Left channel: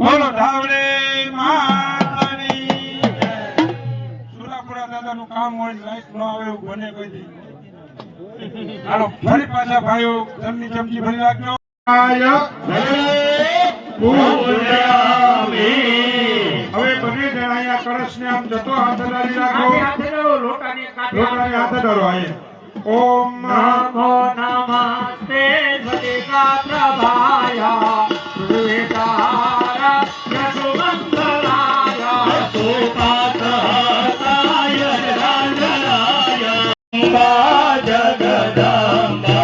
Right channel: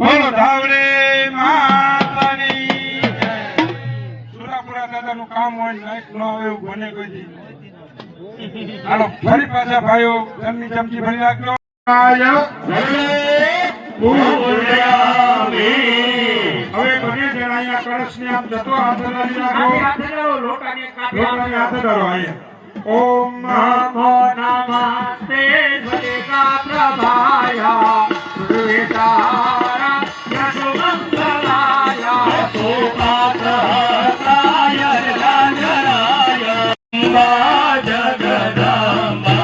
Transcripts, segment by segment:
બોલો ધાવડી માતાની જય। સુરાપુરા દાદાનું કામ હોય લાઈટ ન આવે એવું બને કોઈ દી। હાલો ફરી પાછા ભાઈઓ જમની ચમચી ભરી રાખજો। હવે બને જણ અહીંયા કળશને આમ જતો હાથ ધરી રાખો। લોટાને હાથ ધરો અહીંયા। ઓમ નમો નમસ્તે જગા પ્રભાયા સુવેતારા યશોમંગલાય સુપાત્રાય રંજરાય જગદંબા।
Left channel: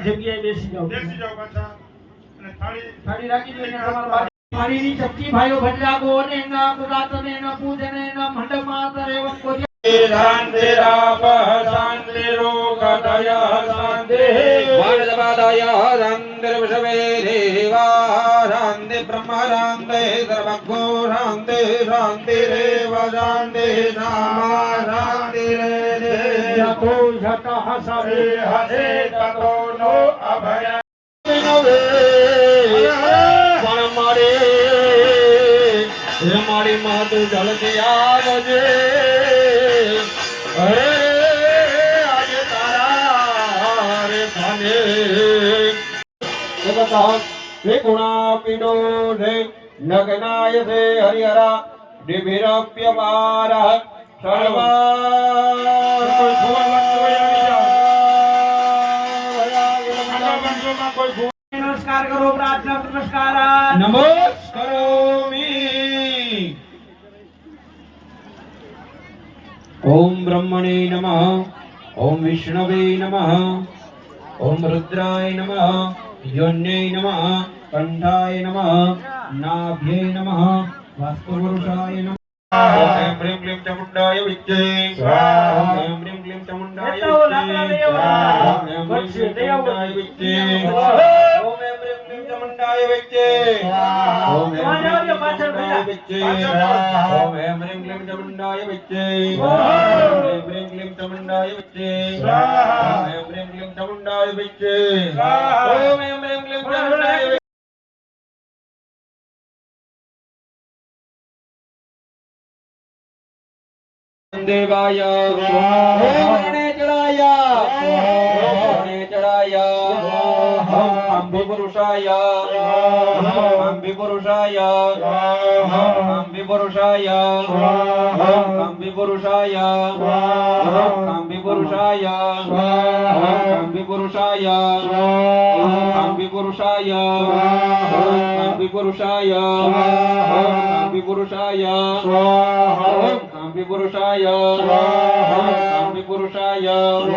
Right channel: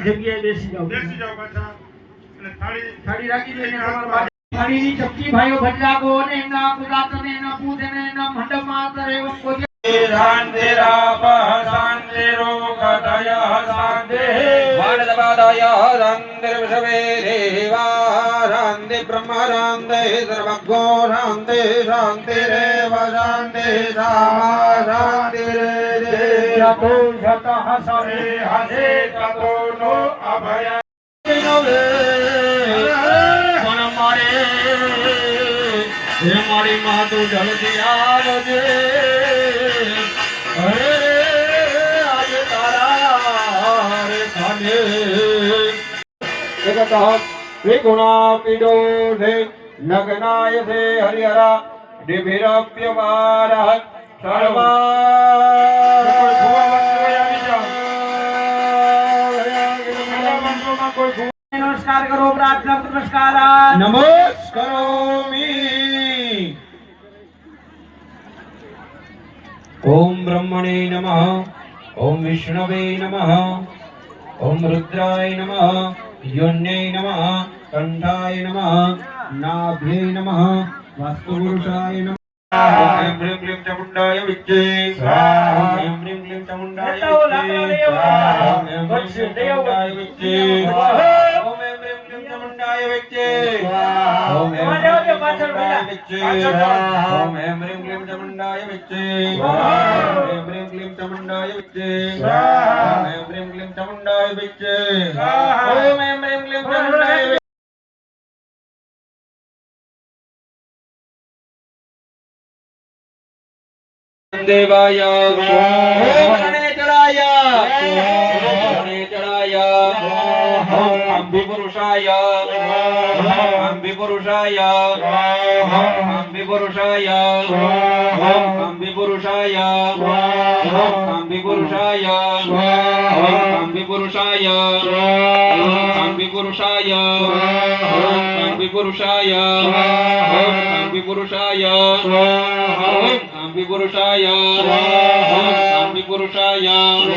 જગ્યાએ બેસી જાઓ પાછા અને થાળી રાખી દો અને તમારા થાળીની ચપટી ભાઈઓ ભજલાગો અને એમના પુરાતને એના પૂજને એના મંડપમાં તરેવમ કોઈ શાંતિરા પહશાંતિરો કદય શાંતિ વાણદબાદય શાંતિર્વશવે દેવા શાંતિ બ્રહ્મ શાંતિ સર્વગો શાંતિ શાંતિરેવ શાંતિ સામા શાંતિરે દેવો જત હસરે હસે તતો નો અભય મારી માં તો જલ્દી આવજે આજે તારા રે ખાને जगतः त्रिगुणापीडो ने नग्नाय से हरिहरा दिभिरप्यपारः सर्वा કોઈ ફૂલ नमस्कार करो प्रार्थना नमस्कार નમસ્કારોમિ ओम ब्रह्मणे नमः ओम विष्णवे नमः ओम रुद्राय नमः योन्यै नमः कंठाय नमः नाभ्यै नमः वास्तुपुरुषाय नमः ओम ह्रीं क्लीं चामुण्डाय विद्ये ओम ह्रीं क्लीं चामुण्डाय विद्ये ओम ह्रीं क्लीं चामुण्डाय विद्ये ओम ह्रीं क्लीं चामुण्डाय विद्ये ओम ह्रीं क्लीं चामुण्डाय विद्ये ओम ह्रीं क्लीं चामुण्डाय विद्ये ओम ह्रीं क्लीं चामुण्डाय विद्ये ओम ह्रीं क्लीं चामुण्डाय विद्ये ओम ह्रीं क्लीं चामुण्डाय देवाय ओम गणेशराय ओम गणेशराय ओम अम्बिपुरुषाय ओम अम्बिपुरुषाय ओम अम्बिपुरुषाय ओम अम्बिपुरुषाय ओम अम्बिपुरुषाय ओम अम्बिपुरुषाय ओम अम्बिपुरुषाय ओम अम्बिपुरुषाय ओम अम्बिपुरुषाय ओम अम्बिपुरुषाय ओम अम्बिपुरुषाय ओम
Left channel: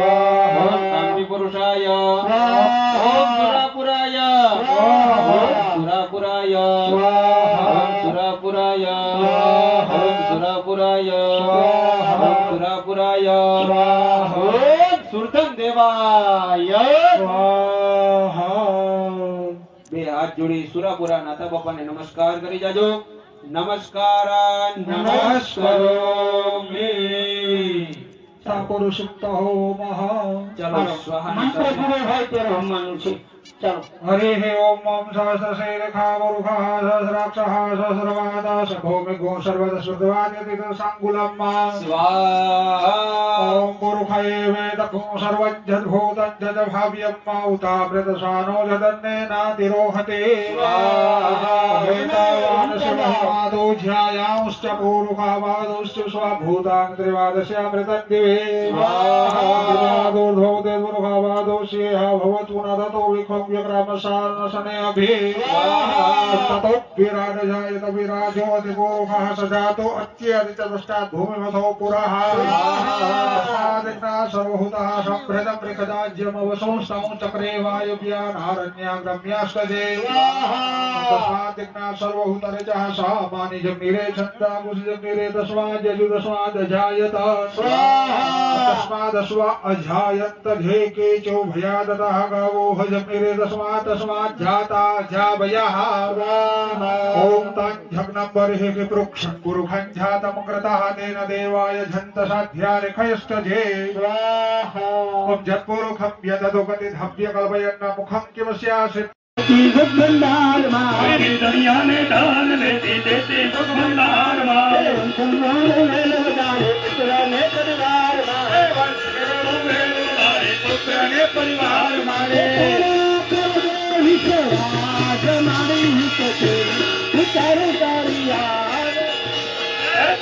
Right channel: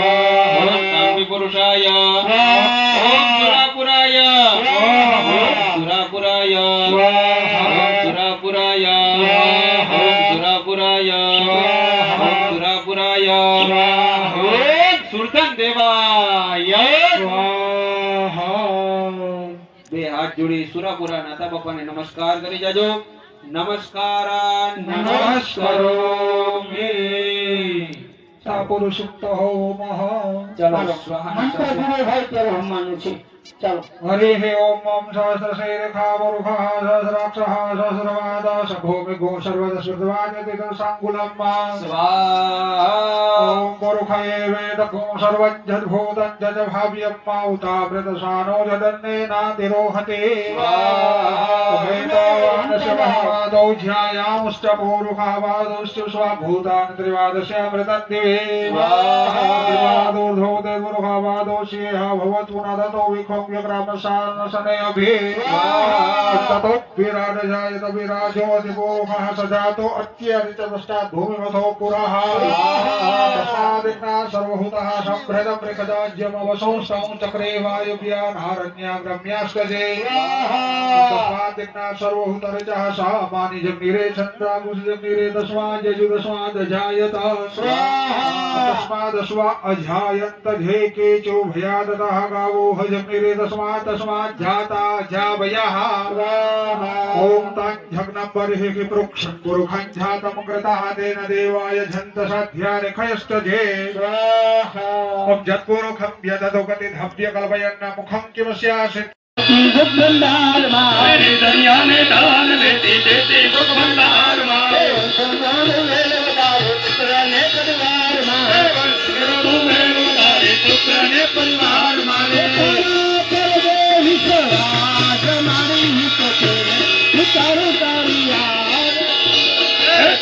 अम्बिपुरुषाय ओम सुरापुराय ओम सुरापुराय ओम सुरापुराय ओम सुरापुराय ओम सुरापुराय ओम सुरधन देवाय બે હાથ જોડી સુરાપુરા નાથા બાપાને નમસ્કાર કરી જાજો નમસ્કારાન નમસ્કારોમિ સાપુરુષુક્ત હોમઃ ચાલો સ્વાહા હરિ ઓમ ઓમ સહસ્રશીર્ષામરુખઃ સહસ્રાક્ષઃ સહસ્રવાદઃ સભૌમિકો સર્વદસ્વદ્વાદતિક સાંગુલમ્ સ્વાહા ઓમ પુરુષાય વેદકો સર્વજ્જદ્ભૂતં જજ ભાવ્યમ્ ઉતાવ્રતસાનો લદન્નેનાતિરોહતે વેદાવાનશમહિમાદૌ ધ્યાયાંશ્ચ પુરુષાવાદુશ્ચ સ્વભૂતાન ત્રિવાદસ્યામૃતં દિવે સ્વાહાદૂર્ધો દેવરુષાવાદોશ્યેહ ભવતુ નદતો વિખો व्यग्रामशालनशनयभि ततो विराजजायत विराजो अधिपोखः सजातो अत्यधिचदष्टात् भूमिमथो पुरः तस्मादिन्ना सर्वभूतः सम्भृतं मृगदाज्यमवसंस्थं चक्रे वायुव्यानारण्याग्रम्यास्कजे तस्मादिन्ना सर्वभूतरिचः सामानिजग्निरे छन्दागुषजग्निरे तस्माद्यजुदस्मादजायत तस्मादस्व अजायन्त धेकेचो भयादतः गावो हजग्निरे तस्मात् जाता जावयः ओम ताञ्झग्नं बर्हिः पृक्षन् पुरुखं जातं कृतः तेन देवाय झन्तसाध्यानि खयस्तजे ओम जत्पुरुखं यददुगति धव्य कल्पयन्न मुखं किमस्यासित् सुख भंडार मारे दुनिया में दान देती देती सुख भंडार मारे पुत्र ने परिवार मारे विश्वास मारे तो तेरे उतारू तारी यार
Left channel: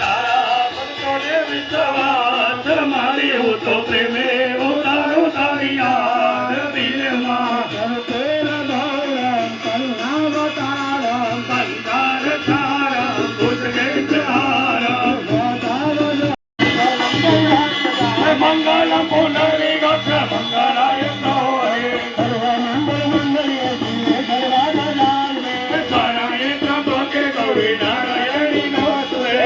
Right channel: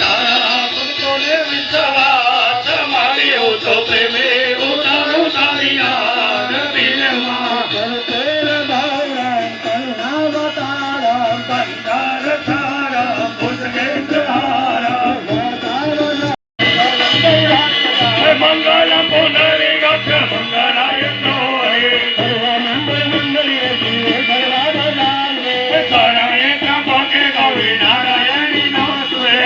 तारा पुत्र ने विश्वास मारे हो तो प्रेमे उतारू तारी यार बिन मां तेरा भगवान करुणावतारम परिवार सारा पुत्र हारा मंगल पुनरे गच्छ मंगलाय नोरे सर्व मंगल मंगले शिव सर्वानंदे शरणाय त्र्यंबके गौरी नारायणी नमोस्तुते